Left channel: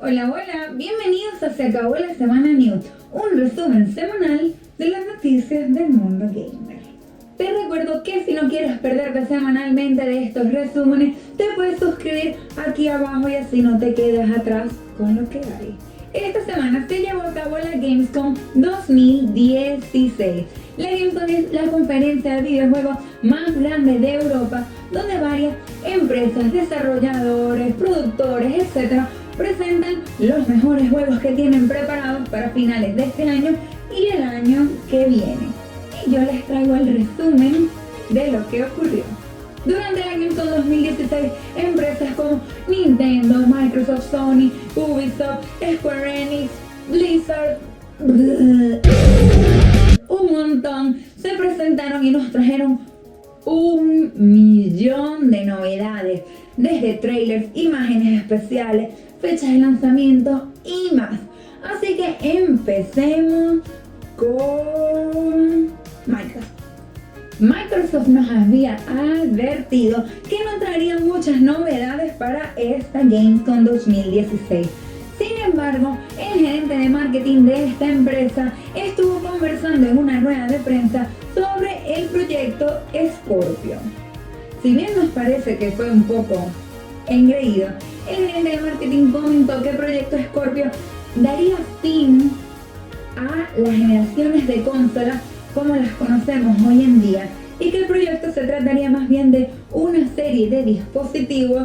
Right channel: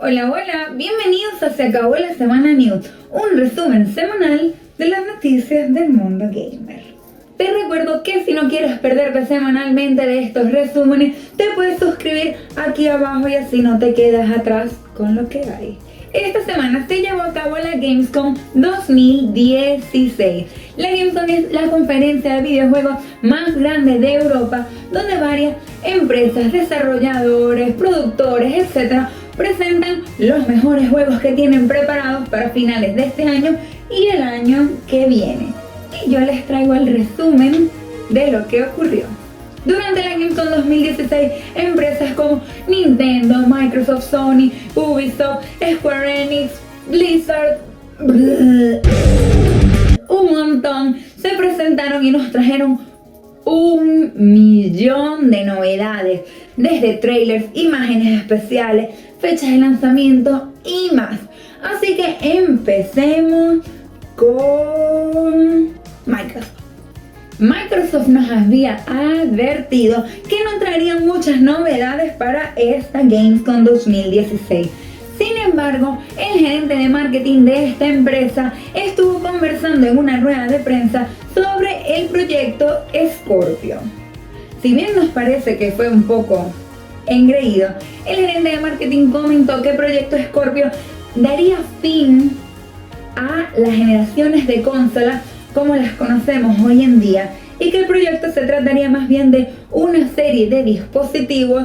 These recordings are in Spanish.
Hola, hola, bienvenidos a Se Acabó la Semana News, un resumen semanal de las noticias del mundo gamer. Te recuerdo que si no quieres perderte semanalmente de estos resúmenes, te puedes suscribir aquí abajo y así no te quedas atrás con lo que hay. Esta semana se llevó a cabo la Gamescom 2016. La Gamescom es la conferencia de videojuegos más grande de Europa, donde varias empresas, desarrolladores, productores, etc., presentan los mejores juegos que tienen preparados para finales de este año y el año que viene. Y yo les traigo el resumen de lo que ocurrió. Durante la Gamescom 2016, empresas como Nintendo, Microsoft, Sony, Ubisoft, Square Enix, Blizzard, un montón, se presentaron y nos trajeron 1.000.000 de novedades, desde trailers, imágenes especiales, fechas de lanzamiento y más. Así que empecemos con Microsoft. Microsoft nos había advertido que no traerían muchas novedades para esta Gamescom 2016. Sin embargo, el gerente de marketing de esta empresa estuvo conversando en una rueda de prensa sobre el proyecto Scorpio. Si bien nos parece que fue un poco engreído, el gerente de marketing comentó que el proyecto Scorpio daría fin a las generaciones de consolas como las conocemos hoy en día y que el proyecto se trataría más bien de una serie de dispositivos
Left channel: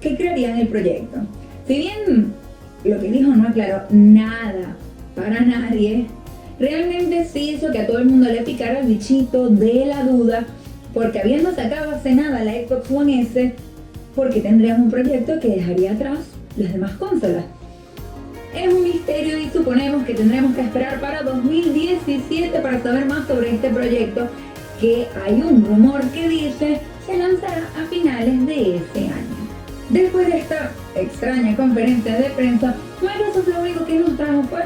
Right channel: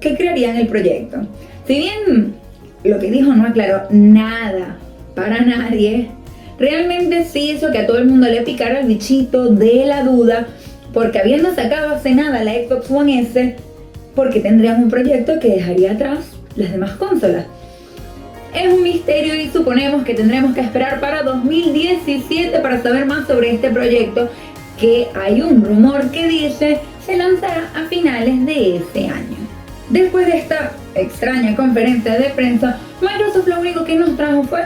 que crearían el proyecto. Si bien lo que dijo no aclaró nada para nadie, realmente sí hizo que a todo el mundo le picara el bichito de la duda, porque habiendo sacado hace nada la Xbox One S, porque tendrían un proyecto que dejaría atrás las demás consolas. Es un misterio y suponemos que tendremos que esperar para 2017 para saber más sobre este proyecto, que hay un rumor que dice se lanzará a finales de este año. Después de esta extraña conferencia de prensa, Microsoft lo único que nos trajo fue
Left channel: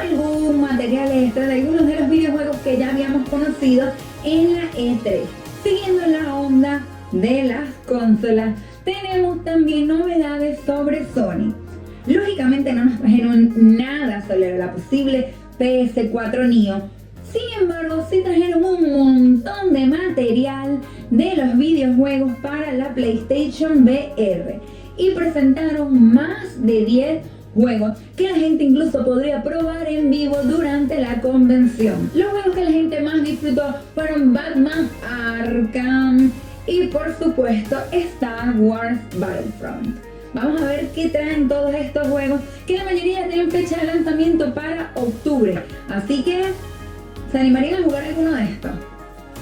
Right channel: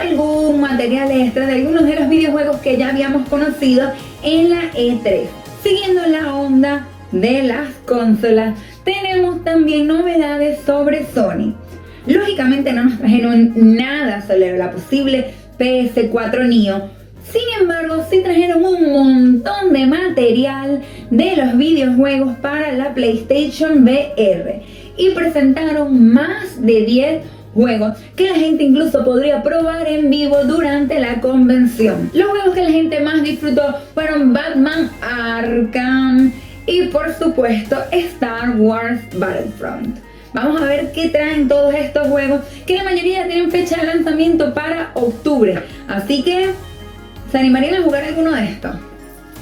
algún material extra de algunos de los videojuegos que ya habíamos conocido en la E3. Siguiendo la onda de las consolas, tenemos también novedades sobre Sony. Lógicamente no nos trajeron nada sobre la posible PS4 Neo. Sin embargo, sí trajeron un montón de material de los videojuegos para la PlayStation VR y presentaron más de 10 juegos que la gente incluso podría probar en vivo durante la convención. Los juegos que la gente más disfrutó fueron Batman Arkham y por supuesto Star Wars Battlefront. Vamos a ver qué traen todos estos juegos, que la mayoría tienen fecha de lanzamiento para octubre. Así que, ¿se animarían a jugar alguno de estos?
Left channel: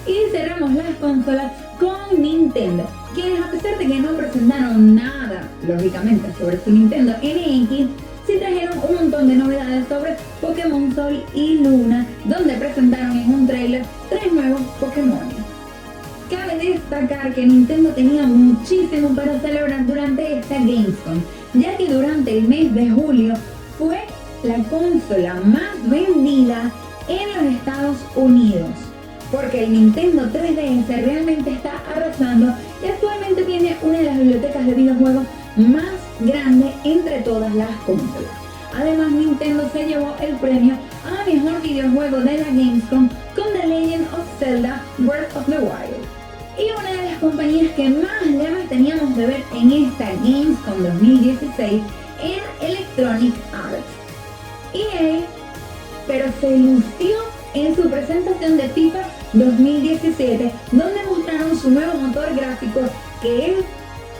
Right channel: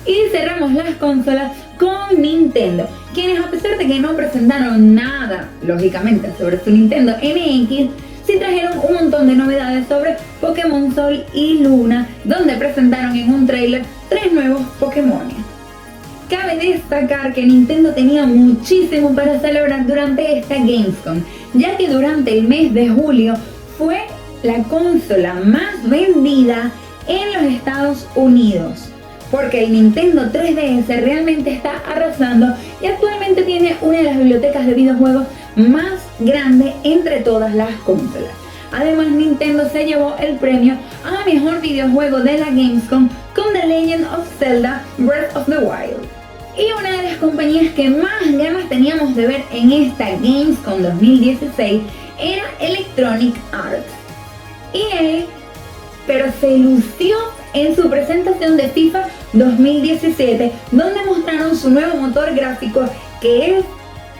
Y cerramos las consolas con Nintendo, quienes a pesar de que no presentaron nada, lógicamente, sobre su Nintendo NX, sí trajeron un montón de novedades sobre Pokémon Sol y Luna, donde presentaron en un trailer 3 nuevos Pokémon. Cabe destacar que Nintendo tenía muchísimo para celebrar durante esta Gamescom, ya que durante el mes de julio fue la consola más vendida en los Estados Unidos, porque el Nintendo 3DS realmente está arrasando y actualmente tiene una de las bibliotecas de videojuegos más grande entre todas las consolas. Además, Nintendo se llevó el premio a mejor videojuego de la Gamescom con The Legend of Zelda Breath of the Wild. Y una de las compañías que más ganas teníamos de ver en esta Gamescom 2016 era Electronic Arts. EA, pero se lució en su presentación de FIFA 2017, donde mostraron su nuevo motor gráfico que es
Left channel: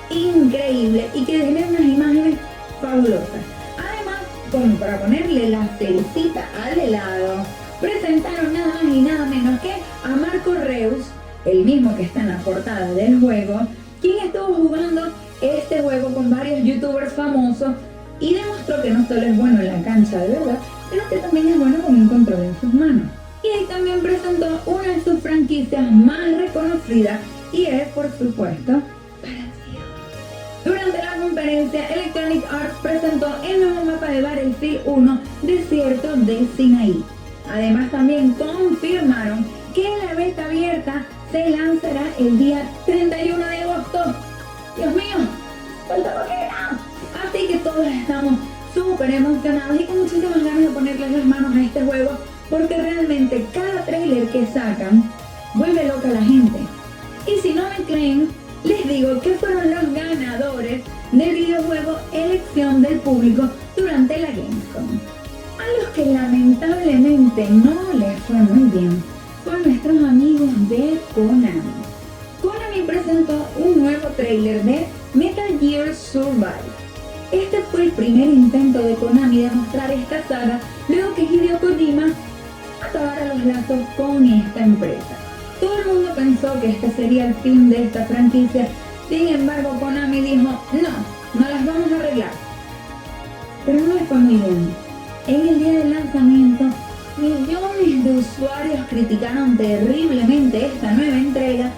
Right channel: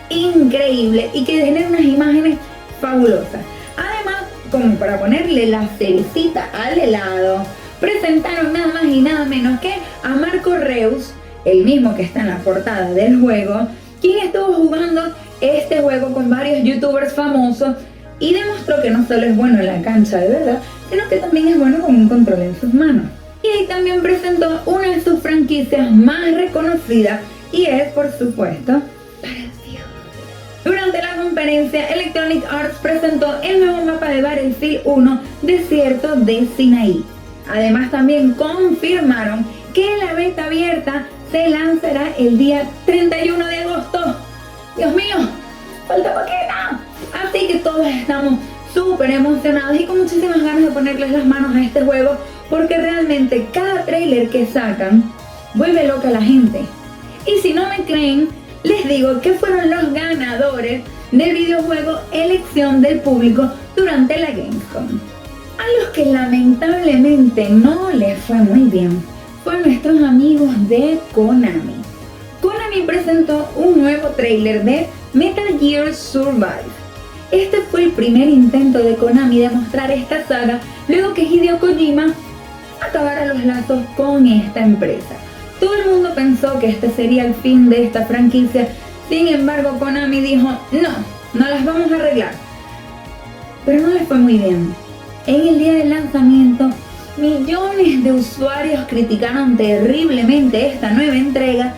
increíble y que genera unas imágenes fabulosas. Además, como para ponerle la cerecita al helado, presentaron nada más y nada menos que a Marco Reus, el mismo que está en la portada del juego, quien estuvo jugando este juego con varios youtubers famosos y demostró que no solo es bueno en la cancha de verdad, sino que también es bueno con un control en sus manos. Y ahí también presentó una de sus franquicias más reconocidas y es, por supuesto, Battlefield. Durante la conferencia, Electronic Arts presentó el nuevo mapa de Battlefield 1, Desierto de Sinaí. Además, también confirmaron que la beta abierta se lanzará el día 31 de agosto. Dios mío, falta poquito. Así que todos estamos súper emocionados y con muchísimas ganas de ponerles las manos a este juego, porque realmente cada trailer que sacan vuelve loca a la gente. Y si no me creen, les digo que fueron los ganadores del videojuego elección del público durante la Gamescom. A los que lamentablemente no les fue muy bien fueron nuestros amigos de Konami. Konami presentó un nuevo trailer de Metal Gear Survive. Este fue el primer intento de Konami de mostrar esta saga luego que Hideo Kojima acabara los lazos con esta empresa. Todo el mundo pensó que este sería el fin de esta franquicia, sin embargo Konami dijo no las vamos a arreglar. Pero no les fue muy bien. En el día del lanzamiento, millones de usuarios criticaron terriblemente esta nueva entrega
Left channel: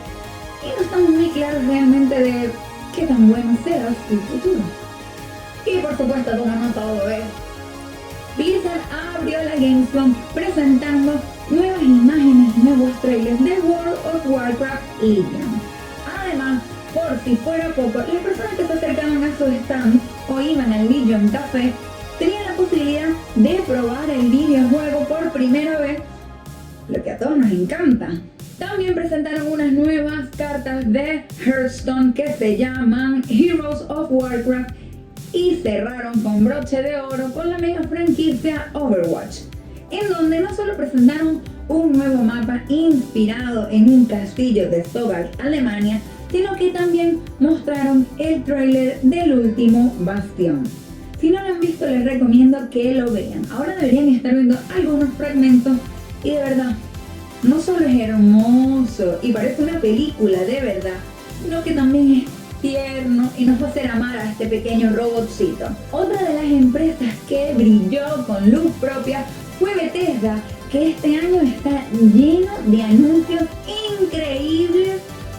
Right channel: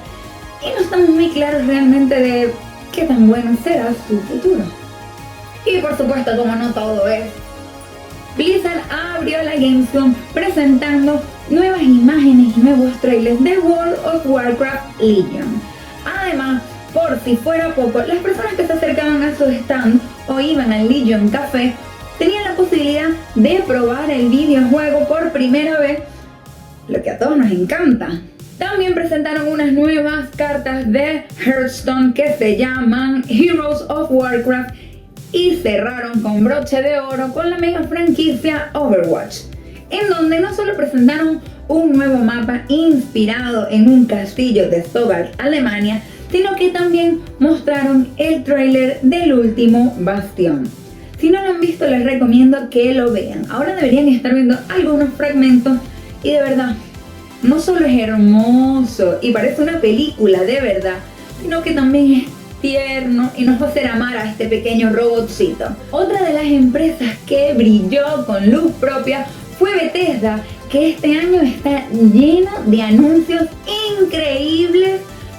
y no estamos muy claros realmente de qué tan bueno será su futuro. Y por supuesto, como no todo es, Blizzard abrió la Gamescom presentando nuevas imágenes y nuevos trailers de World of Warcraft Legion. Además, por si fuera poco, las personas que se acercaban a su stand o iban al Legion Café tenían la posibilidad de probar el videojuego por primera vez, lo que a todos nos encanta. También presentaron unas nuevas cartas de Hearthstone que se llaman Heroes of Warcraft y cerraron con broche de oro con la mega franquicia Overwatch, en donde no solo presentaron un nuevo mapa inspirado en un castillo de Sogard, Alemania, sino que también mostraron el tráiler del último Bastión. Si no lo han visto, les recomiendo que lo vean. Ahora deberían estar viendo algunos fragmentos y de verdad, no solo es hermoso y parece una película de verdad, sino que también es tierno y nos va a hacer amar a este pequeño robotcito. Otra de las empresas que brilló con luz propia fue Bethesda, que este año está lleno de anuncios increíbles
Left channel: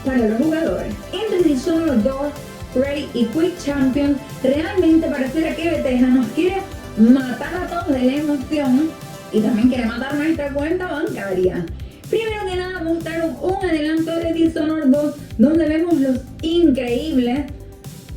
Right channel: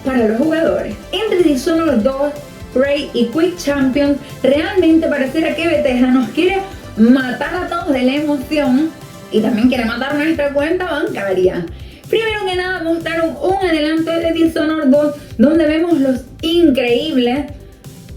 para los jugadores. Entre Dishonored 2, Prey y Quick Champions, realmente pareciera que Bethesda nos quiere matar a todos de la emoción y también quiere matar nuestra cuenta bancaria. Primero que nada mostraron un adelanto de Dishonored 2 donde vemos los increíbles,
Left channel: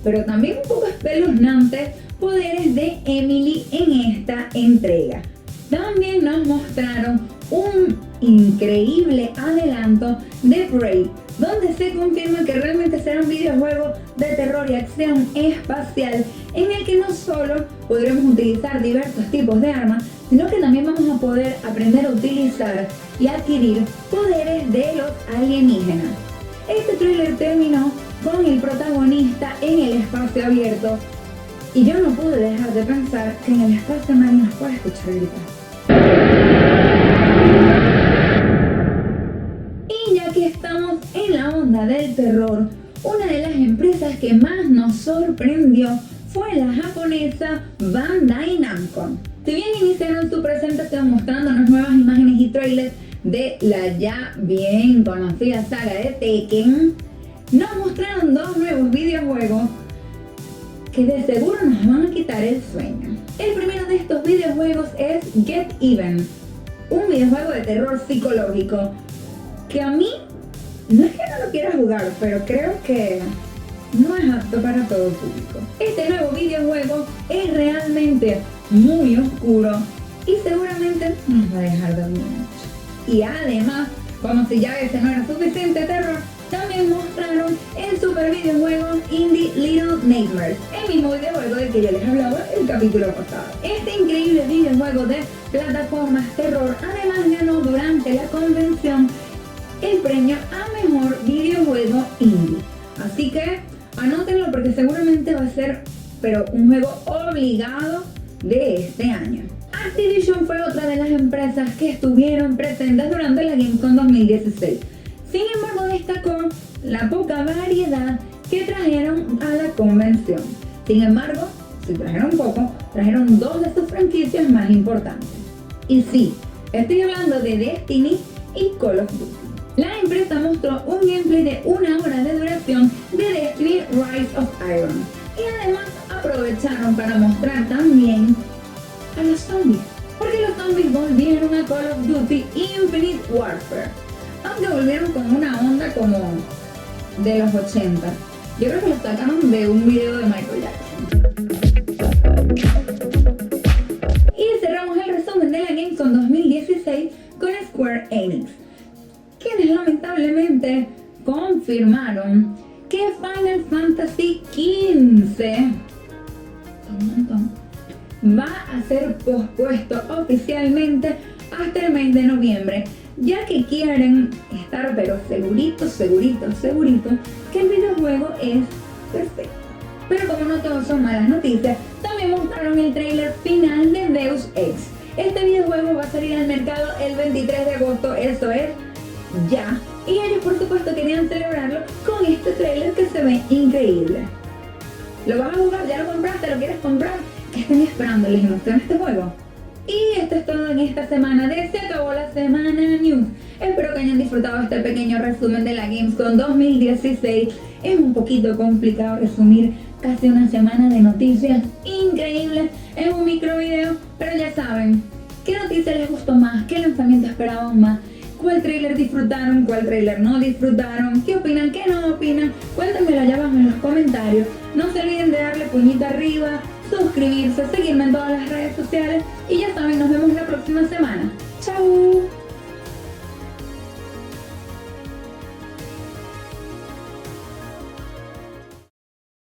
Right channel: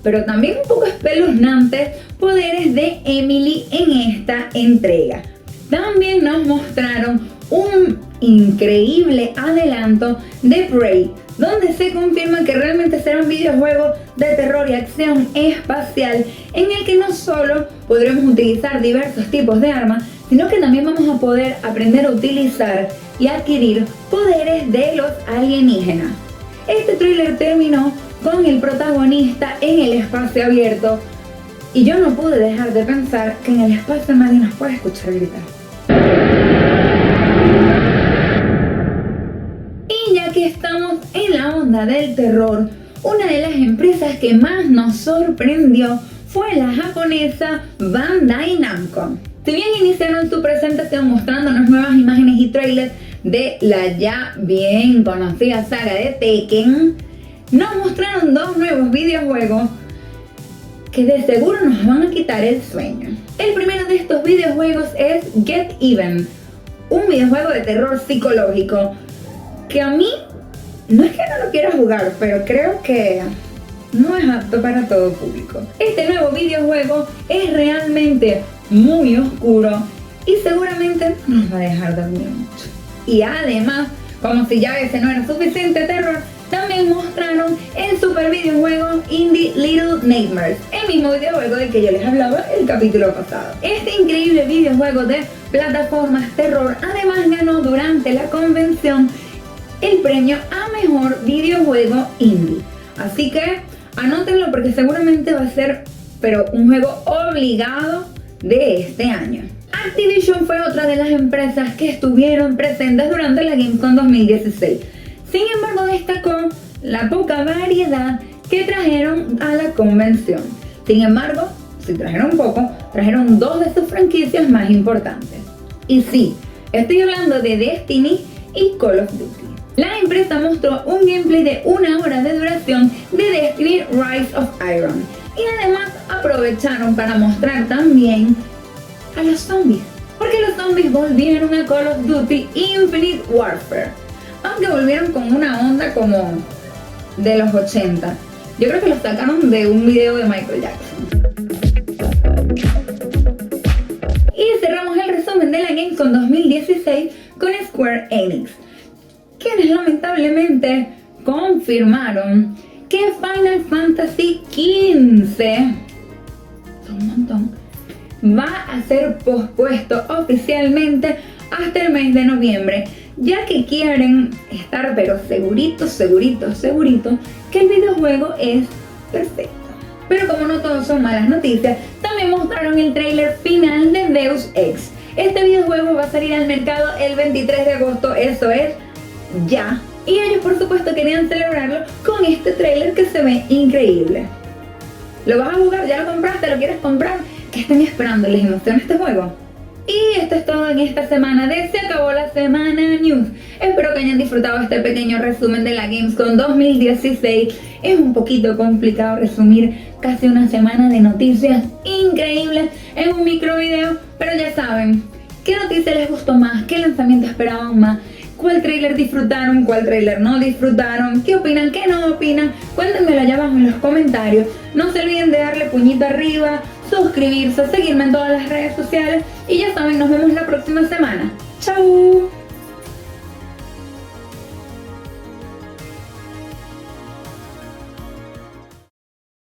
pero también un poco espeluznantes poderes de Emily en esta entrega. También nos mostraron un increíble adelanto de Prey, donde se confirma que realmente será un videojuego de terror y acción espacial en el que no solo podremos utilizar diversos tipos de armas, sino que también vamos a poder aprender a utilizar y adquirir poderes de los alienígenas. Este tráiler terminó con el protagonista en el espacio abierto y yo no pude dejar de pensar que en el espacio nadie nos puede escuchar gritar. Y ya que estamos en la onda del terror, una de las empresas que más nos sorprendió fue la japonesa Bandai Namco. Si bien iniciaron su presentación mostrándonos nuevas imágenes y trailers de la ya bien conocida saga de Tekken, nos mostraron dos nuevos videojuegos que de seguro nos van a quitar el sueño. El primero de estos videojuegos es Get Even, un videojuego de terror psicológico que a mí no es que no lo quiera jugar, pero creo que no es apto para todo público. Este nuevo videojuego es realmente muy oscuro y seguramente nos va a dejar dormir mucho. Y además, como si ya ese no era suficiente terror, también mostraron el super videojuego Indie Little Nightmares, el mismo videojuego del que yo les hablaba el capítulo pasado. Este increíble videojuego de plataformas terror además ganó durante la convención el premio a mejor videojuego indie. Así que anótenlo porque seguramente va a ser un juego obligado de este año. Activision fue otra de las empresas que estuvieron presentes durante la Gamescom 2016. Sin embargo, destacó la poca variedad que trajeron a la convención. Sin embargo, si trajeron poco, trajeron dos de sus franquicias más importantes. Y sí, estoy hablando de Destiny y Call of Duty. La empresa mostró un gameplay de 1 hora de duración de Destiny Rise of Iron. Y además aprovecharon para mostrar también a los zombies. Porque los zombies volvieron a Call of Duty Infinite Warfare. Aunque volvieron con una onda como de los 80. Yo creo que lo sacaron de un video de Michael Jackson. Gamescom 2016 con Square Enix, quienes lamentablemente confirmaron que Final Fantasy XV, un montón, va a ser pospuesto oficialmente hasta el mes de noviembre, ya que quieren estar pero segurito que el videojuego es perfecto. Pero como no todos son malas noticias, también mostraron el tráiler final de Deus Ex. Este videojuego va a salir al mercado el 23 de agosto, eso es ya. Y ellos por supuesto querían celebrarlo con este tráiler que se ve increíble. ¿Lo vas a jugar? ¿Ya lo compraste? ¿Lo quieres comprar? ¿Qué están esperando? ¿Les emociona este juego? Y esto es todo en esta semana de Se Acabó la Semana News. Espero que hayan disfrutado este pequeño resumen de la Gamescom 2016. Es un poquito complicado resumir casi una semana de noticias increíbles en un micro video, pero ya saben, ¿qué noticia les gustó más? ¿Qué lanzamiento esperaban más? ¿Cuál tráiler disfrutaron? ¿Cuál tráiler no disfrutaron? ¿Qué opinan? ¿Qué no opinan? Cuéntenmelo allá abajo en los comentarios. No se olviden de darle puñito arriba, suscribirse, seguirme en todas las redes sociales y ya saben, nos vemos la próxima semana.